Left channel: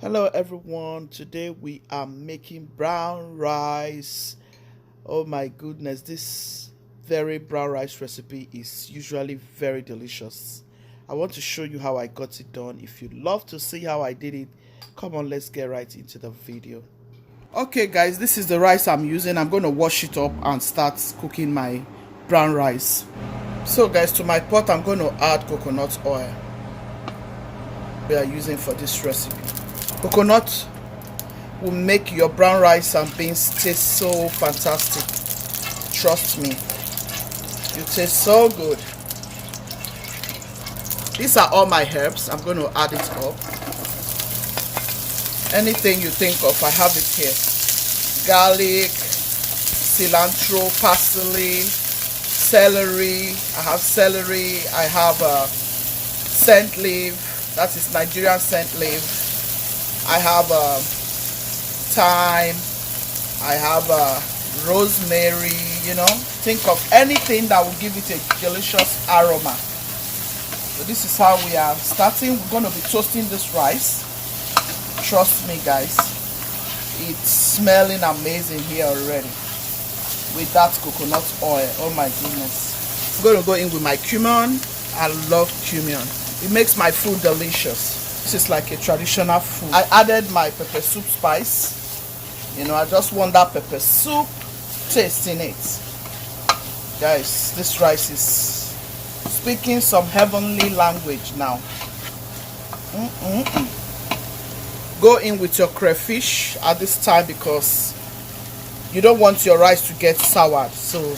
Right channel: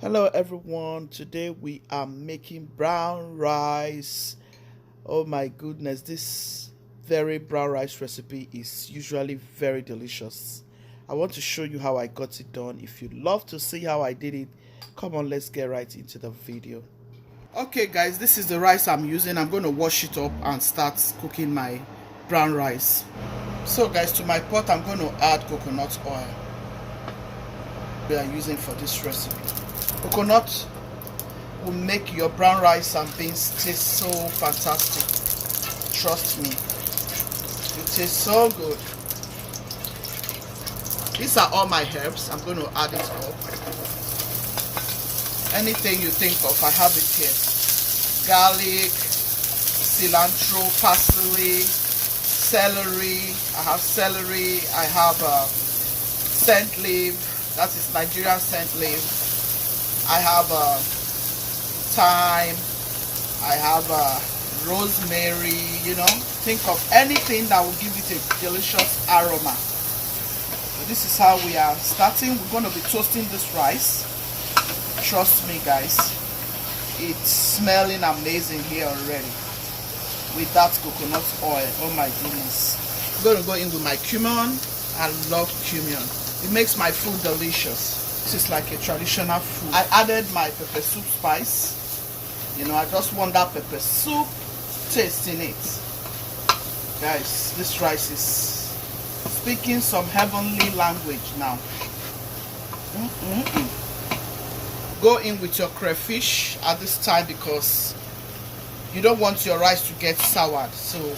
Hello everyone, today we are making brown rice. Oh my goodness, this very brown rice recipe is usually very delicious. I want to show you how I got it done. If you'd love to see how I did it, come on, let's get right into the video. Okay guys, this is the rice I'm using. I'm going to wash it up and start cooking my brown rice. So guys, to my pot I'm going to add coconut oil we are using for this recipe. Coconut will make your brown rice and beans taste so fantastic. Trust me, you taste so good. These are all my herbs. I'm going to add it up. Anything you think of, I have it here. Garlic, cilantro, parsley, celery. I have celery. I have scent leaf. That is Nigerian scent leaf. I have thyme. I have rosemary. You know, think of anything that will give it a delicious aroma. So this is how we are starting. We're going to be toasting this rice. Trust me guys, it's smelling amazing here already with that coconut oil. Oh my goodness. I'm going to go in with my cumin. I love cumin. It makes my food delicious. This is like a traditional food. I added my pepper soup spice. You know, I just want that pepper soup taste in it. Guys, this rice is speaking some heavenly language now. Go in with your crayfish at this time because you don't want your rice to get soured. So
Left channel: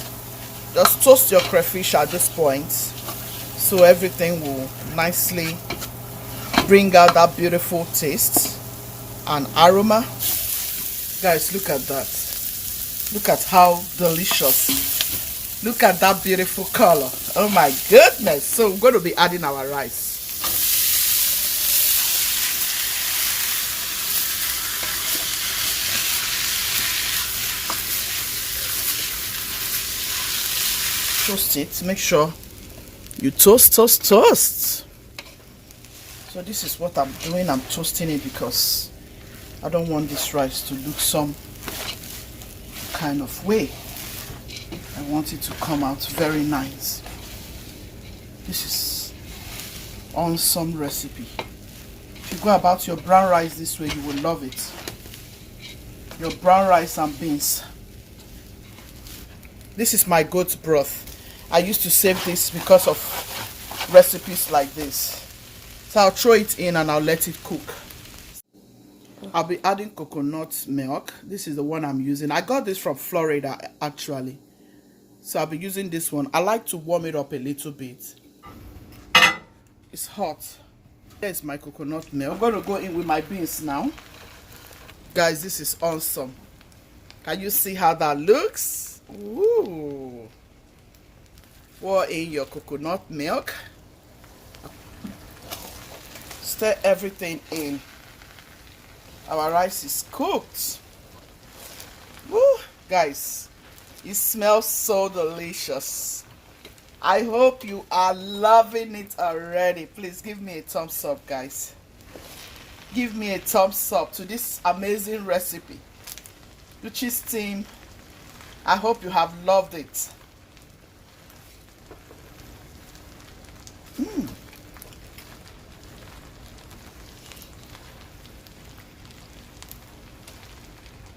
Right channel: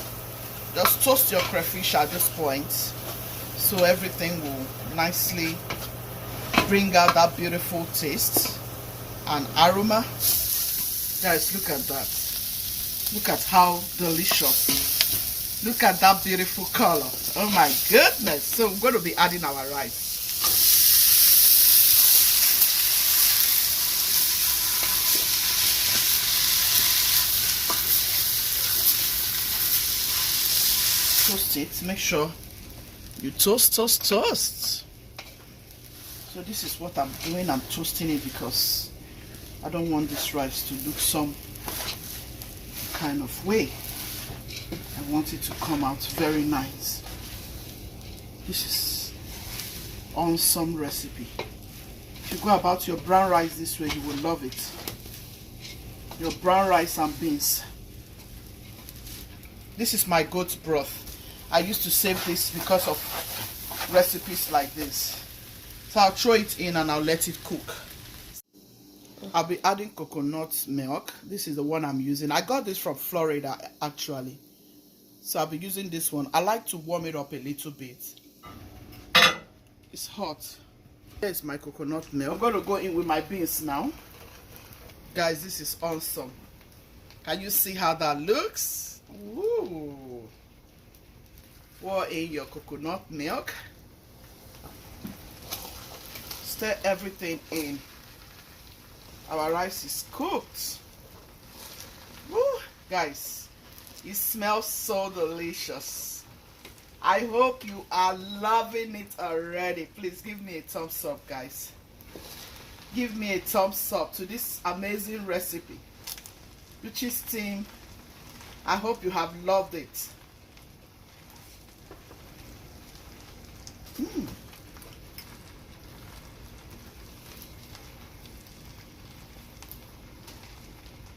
just toast your crayfish at this point so everything will nicely bring out that beautiful taste and aroma. Guys, look at that. Look at how delicious. Look at that beautiful color. Oh my goodness. So we're going to be adding our rice. Toast it. Make sure you toast. So this is what I'm doing. I'm toasting it because I don't want this rice to look some kind of way. I want it to come out very nice. This is awesome recipe. If you go about your brown rice this way, you will love it. Your brown rice and beans. This is my goat broth. I used to save this because of recipes like this. So I'll throw it in and I'll let it cook. I'll be adding coconut milk. This is the one I'm using. I got this from Florida actually. So I'll be using this one. I like to warm it up a little bit. It's hot. Here's my coconut milk. I'm going to go in with my beans now. Guys, this is awesome. Can you see how that looks? Ooh. Pour in your coconut milk. Stir everything in. Our rice is cooked. Woo, guys, it smells so delicious. I hope you are loving it already. Please give me a thumbs up, guys. Give me a thumbs up to this amazing recipe. Luchi's team, I hope you have loved it.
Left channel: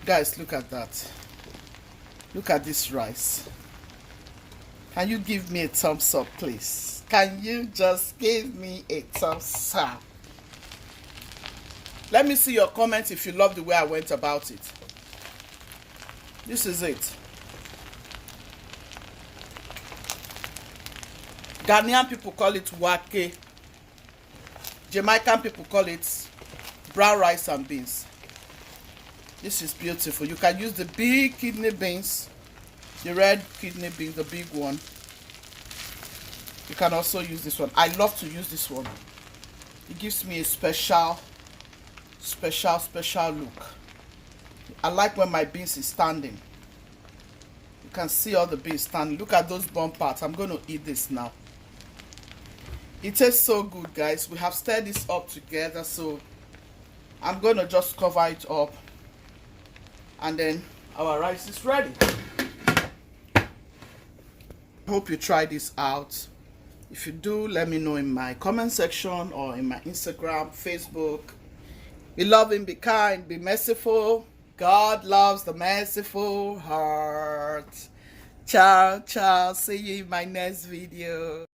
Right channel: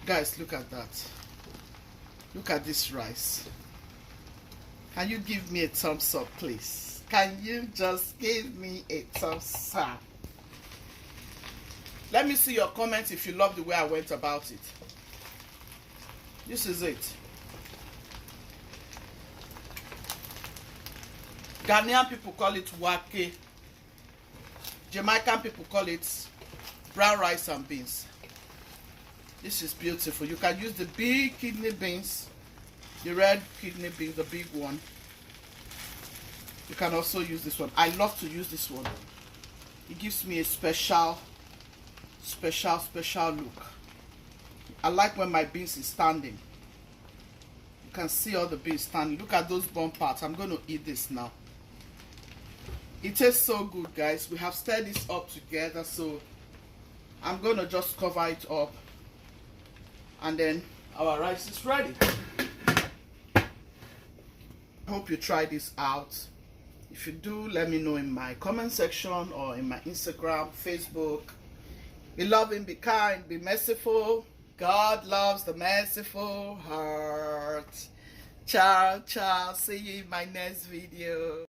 Guys, look at that. Look at this rice. Can you give me a thumbs up, please? Can you just give me a thumbs up? Let me see your comments if you love the way I went about it. This is it. Ghanaian people call it wake. Jamaican people call it brown rice and beans. This is beautiful. You can use the big kidney beans, the red kidney beans, the big one. You can also use this one. I love to use this one. It gives me a special look. I like when my beans is standing. You can see all the beans standing. Look at those bone parts. I'm going to eat this now. It tastes so good, guys. We have stirred this up together, so I'm gonna just cover it up, and then our rice is ready. Hope you try this out. If you do, let me know in my comment section or in my Instagram, Facebook. Be loving, be kind, be merciful. God loves the merciful heart. Ciao, ciao. See you in my next video.